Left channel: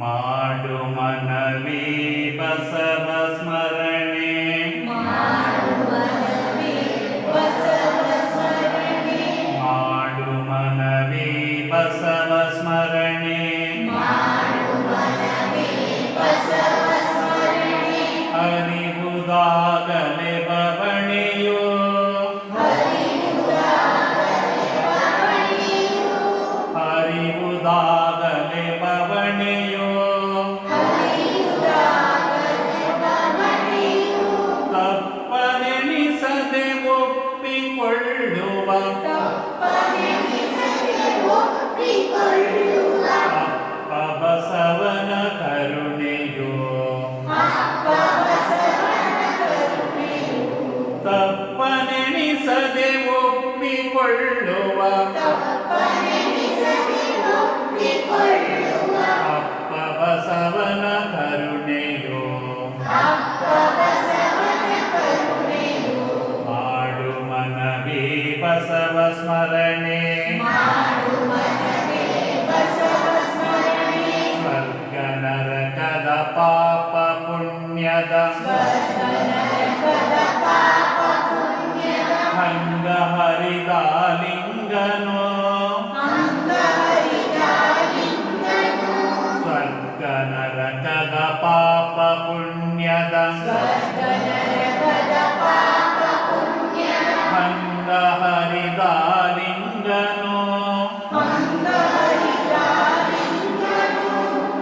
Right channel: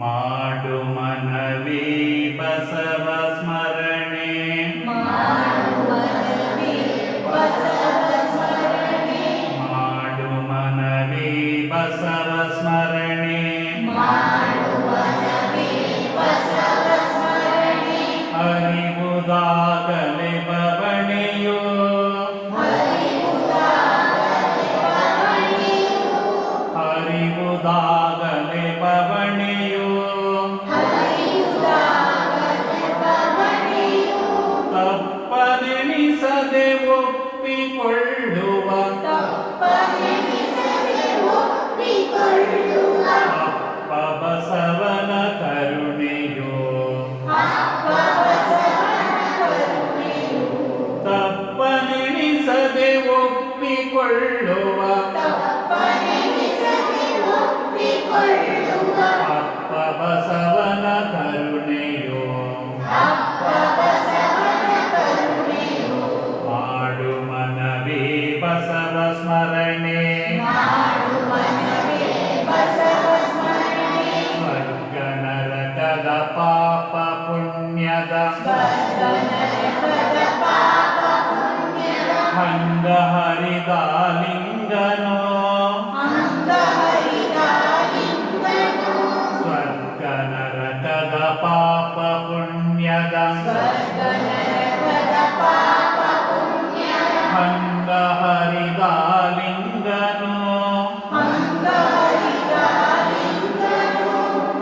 ಮಾಡು ಮನವಿ ಬಸವ ಸ್ಮರಣೆ ಮಾಡು ಮನವಿ ಬಸವ ಸ್ಮರಣೆ ಅರಿವುದಾಗಲೇ ಬವಣೆಯೋ ಅರಿವುದಾಗಲೇ ಬವಣೆಯೋ ತಪ್ಪನೆನಿಸದೆ ಒಪ್ಪಿಕೊಳ್ಳುವ ಅಪ್ಪ ಬಸವನ ಕರುಣೆಯೋ ತಪ್ಪನೆನಿಸದೆ ಒಪ್ಪಿಕೊಳ್ಳುವ ಅಪ್ಪ ಬಸವನ ಕರುಣೆಯೋ ಮಾಡು ಮನವಿ ಬಸವ ಸ್ಮರಣೆ ಸ್ವರ್ಗ ನರಕದ ಪಾಪ ಪುಣ್ಯದ ಹಂಗ ಹರಿದ ಲಿಂಗನೋ ಸ್ವರ್ಗ ನರಕದ ಪಾಪ ಪುಣ್ಯದ ಹಂಗ ಹರಿದ ಲಿಂಗನೋ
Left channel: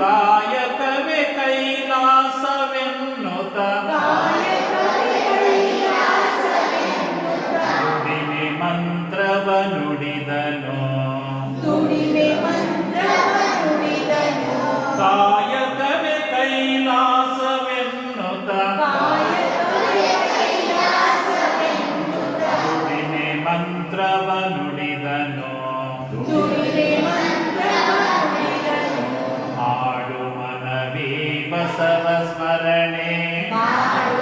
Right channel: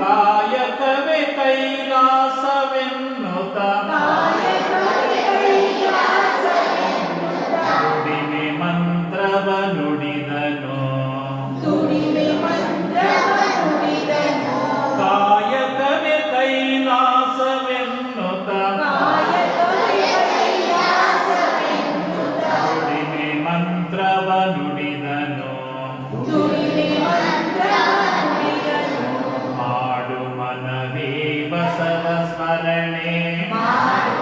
ಕಾಯಕವೇ ಕೈಲಾಸವೆನ್ನುತ್ತ ದುಡಿಮೆ ಮಂತ್ರವ ನುಡಿದನು ಕಾಯಕವೇ ಕೈಲಾಸವೆನ್ನುತ್ತ ದುಡಿಮೆ ಮಂತ್ರವ ನುಡಿದನು ಮಾಡು ಮನವಿ ಬಸವ ಸ್ಮರಣೆ ಮಾಡು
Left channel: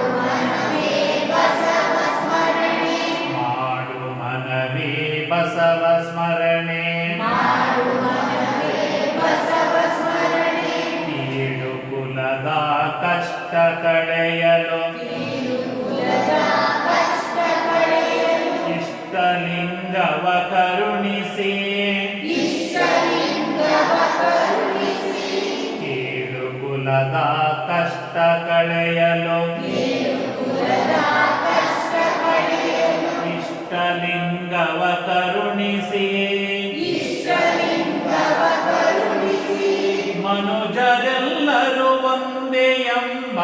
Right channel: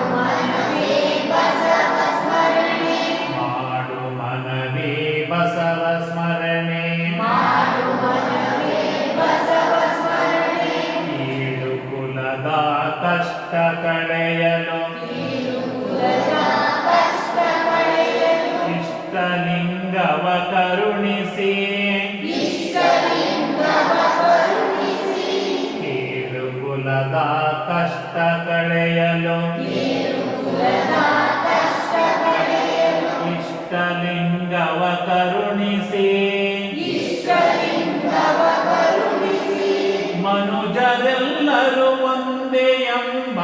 ಮನವಿ ಬಸವ ಸ್ಮರಣೆ ಕೀಳು ಕುಲದ ಕಷ್ಟ ಕಳೆಯಲು ಇಷ್ಟಲಿಂಗವ ಕರುಣಿಸಿ ಕೀಳು ಕುಲದ ಕಷ್ಟ ಕಳೆಯಲು ಇಷ್ಟಲಿಂಗವ ಕರುಣಿಸಿ ಮನುಜರೆಲ್ಲರೂ ಒಂದೇ ಎಂಬ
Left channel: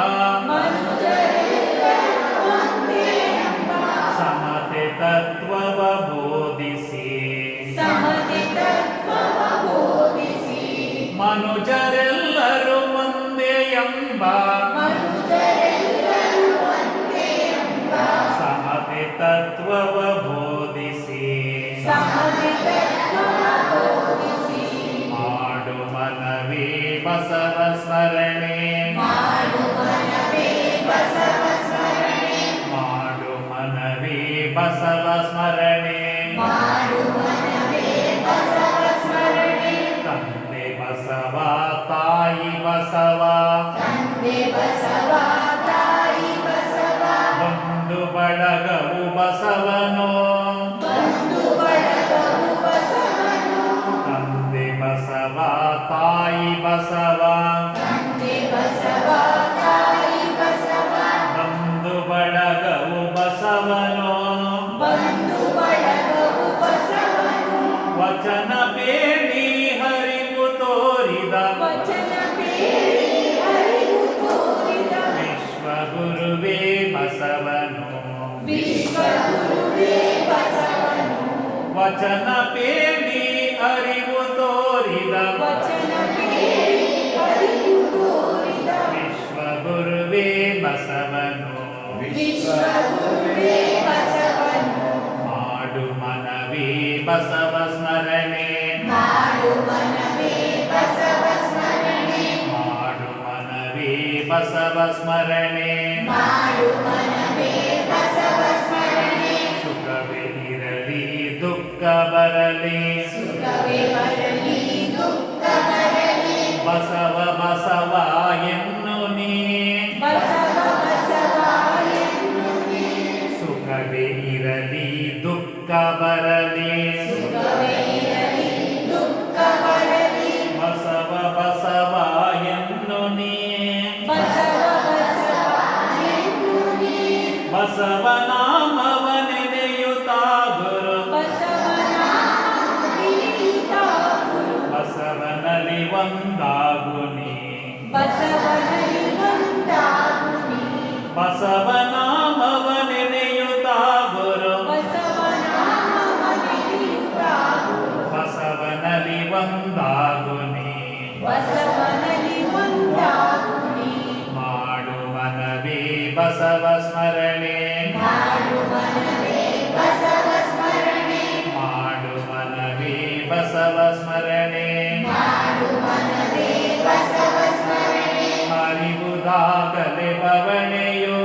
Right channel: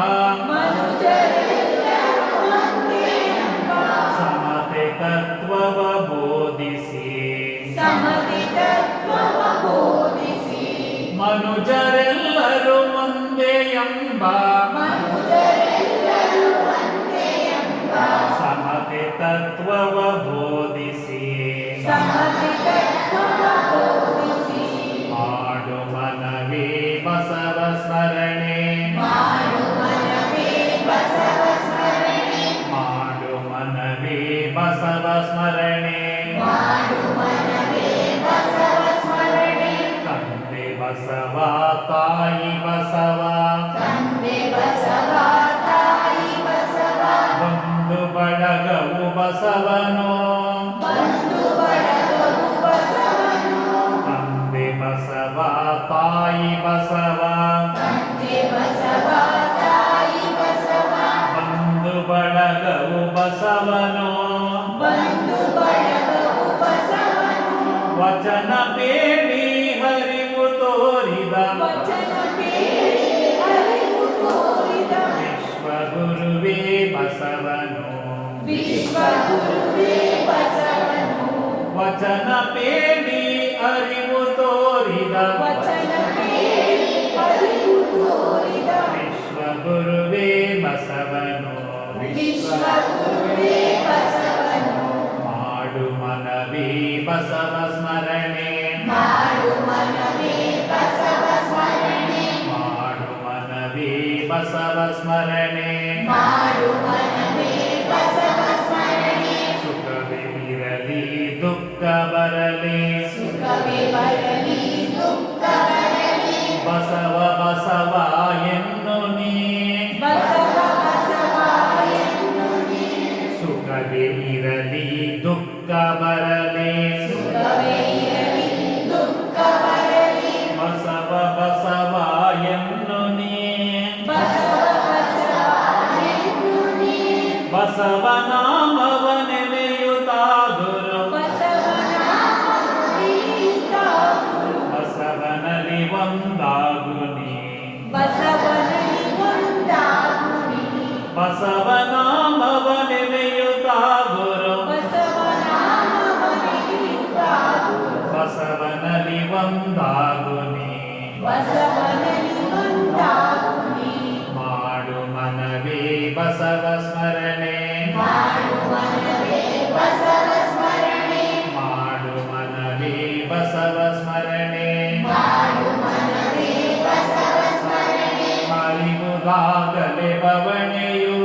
ಸಮತೆ ತತ್ವವ ಬೋಧಿಸಿ ಮನುಜರೆಲ್ಲರೂ ಒಂದೇ ಎಂಬ ಸಮತೆ ತತ್ವವ ಬೋಧಿಸಿ ಮಾಡು ಮನವಿ ಬಸವ ಸ್ಮರಣೆ ಮಾಡು ಮನವಿ ಬಸವ ಸ್ಮರಣೆ ತಂದೆ ಬಸವ ತಾಯಿ ಬಸವ ಬಂಧು ಬಳಗವು ಬಸವನೋ ತಂದೆ ಬಸವ ತಾಯಿ ಬಸವ ಬಂಧು ಬಳಗವು ಬಸವನೋ ವಚನ ಬೇಡಿ ಹರಿವು ತೋರಿದ ವಿಶ್ವಗುರುವೇ ಬಸವನು ವಚನ ಬೇಡಿ ಅರಿವು ತೋರಿದ ವಿಶ್ವಗುರುವೇ ಬಸವನು ಮಾಡು ಮನವಿ ಬಸವ ಸ್ಮರಣೆ ಮಾಡು ಮನವಿ ಬಸವ ಸ್ಮರಣೆ ಸುಖವೇ ಇರಲಿ ದುಃಖ ಬರಲಿ ಸುಖವೇ ಬರಲಿ ದುಃಖ ಬರಲಿ ಬಸವ ಬಸವ ಎನ್ನು ನೀ ಬಸವ ಬಸವ ಎನ್ನು ನೀ ಸುಖವೇ ಇರಲಿ ದುಃಖ ಬರಲಿ ಸುಖವೇ ಇರಲಿ ದುಃಖ ಬರಲಿ ಬಸವ ಬಸವ ಎನ್ನು ನೀ ಬಸವ ಬಸವ ಎನ್ನು ನೀ ಬಸವನಾಮವ ನೆನೆಯುತ್ತಾ ಗುರು ಬಸವನಾಮವಿನಿತ ಗುರು ಬಸವನಲ್ಲಿ ಒಂದಾಗು ನೀ ಬಸವನಲ್ಲಿ ಒಂದಾಗು ನೀ ಬಸವನಾಮವ ನೆನೆಯುತ್ತಾ ಗುರು ಬಸವನಾಮವಿನಿತ ಗುರು ಬಸವನಲ್ಲಿ ಒಂದಾಗು ನೀ ಬಸವನಲ್ಲಿ ಒಂದಾಗು ನೀ ಮಾಡು ಮನವೇ ಬಸವ ಸ್ಮರಣೆ ಮಾಡು ಮನವೇ ಬಸವ ಸ್ಮರಣೆ ಮಾಡು ಮನವೇ ಬಸವ ಸ್ಮರಣೆ ಮಾಡು ಮನವೇ ಬಸವ ಸ್ಮರಣೆ ಅರಿವುದಾಗಲೇ ಪವಣೆಯು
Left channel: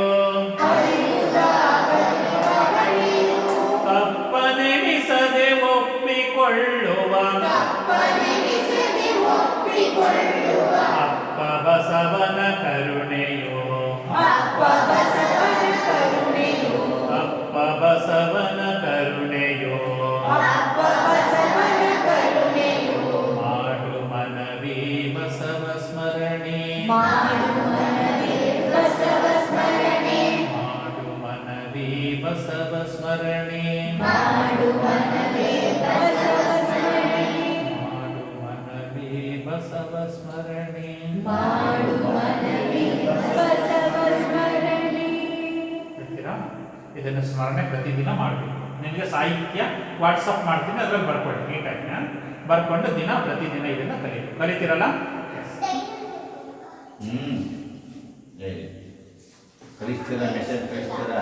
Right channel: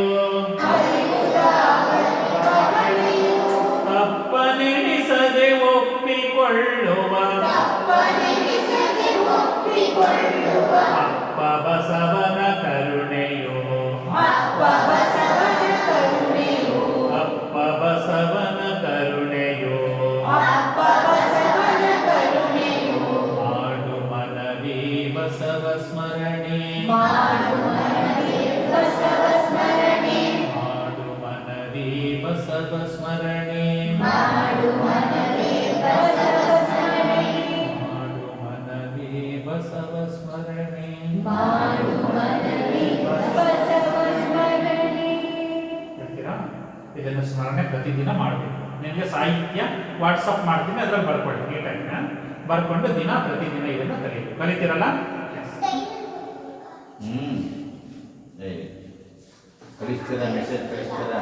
ಅರಿವುದಾಗಲಿ ಬವಣೆಯು ತಪ್ಪನೆನಿಸದೆ ಒಪ್ಪಿಕೊಳ್ಳುವ ತಪ್ಪನೆನಿಸದೆ ಒಪ್ಪಿಕೊಳ್ಳುವ ಅಪ್ಪ ಬಸವನ ಕರುಣೆಯು ಅಪ್ಪ ಬಸವನ ಕರುಣೆಯು ಅಪ್ಪ ಬಸವನ ಕರುಣೆಯು ಅಪ್ಪ ಬಸವನ ಕರುಣೆಯು ಮಾಡು ಮನವೇ ಬಸವ ಸ್ಮರಣೆ ಮಾಡು ಮನವೇ ಬಸವ ಸ್ಮರಣೆ ಮಾಡು ಮನವೇ ಬಸವ ಸ್ಮರಣೆ ಮಾಡು ಮನವೇ ಬಸವ ಸ್ಮರಣೆ ಮಾಡು ಮನವೇ ಬಸವ ಸ್ಮರಣೆ ಮಾಡು ಮನವೇ ಬಸವ ಸ್ಮರಣೆ. ಹೇಳ್ತೀರಾ ಇದನ್ನು ಸ್ಮರಣೆ ಪ್ರತಿದಿನ ಮಾಡಬೇಕು. ನಿಮಗೆ ಸಾಹಿತ್ಯ ವಾಟ್ಸಪ್ ಮಾಡ್ತೀನಿ, ಅದ್ರಲ್ಲಿ ಬರ್ಕೊಳ್ಳಿ ನೀಟಾಗಿ ಬರ್ಕೊಂಡು ದಿನ ಪ್ರತಿದಿನ ಇದನ್ನು ಕಲಿತೀರಲ್ಲ. ಹೇಳಿ ಕಳಿಸ್ತೀರಾ ಮೆಸೇಜ್ ಕಳಿಸ್ತೀರಾ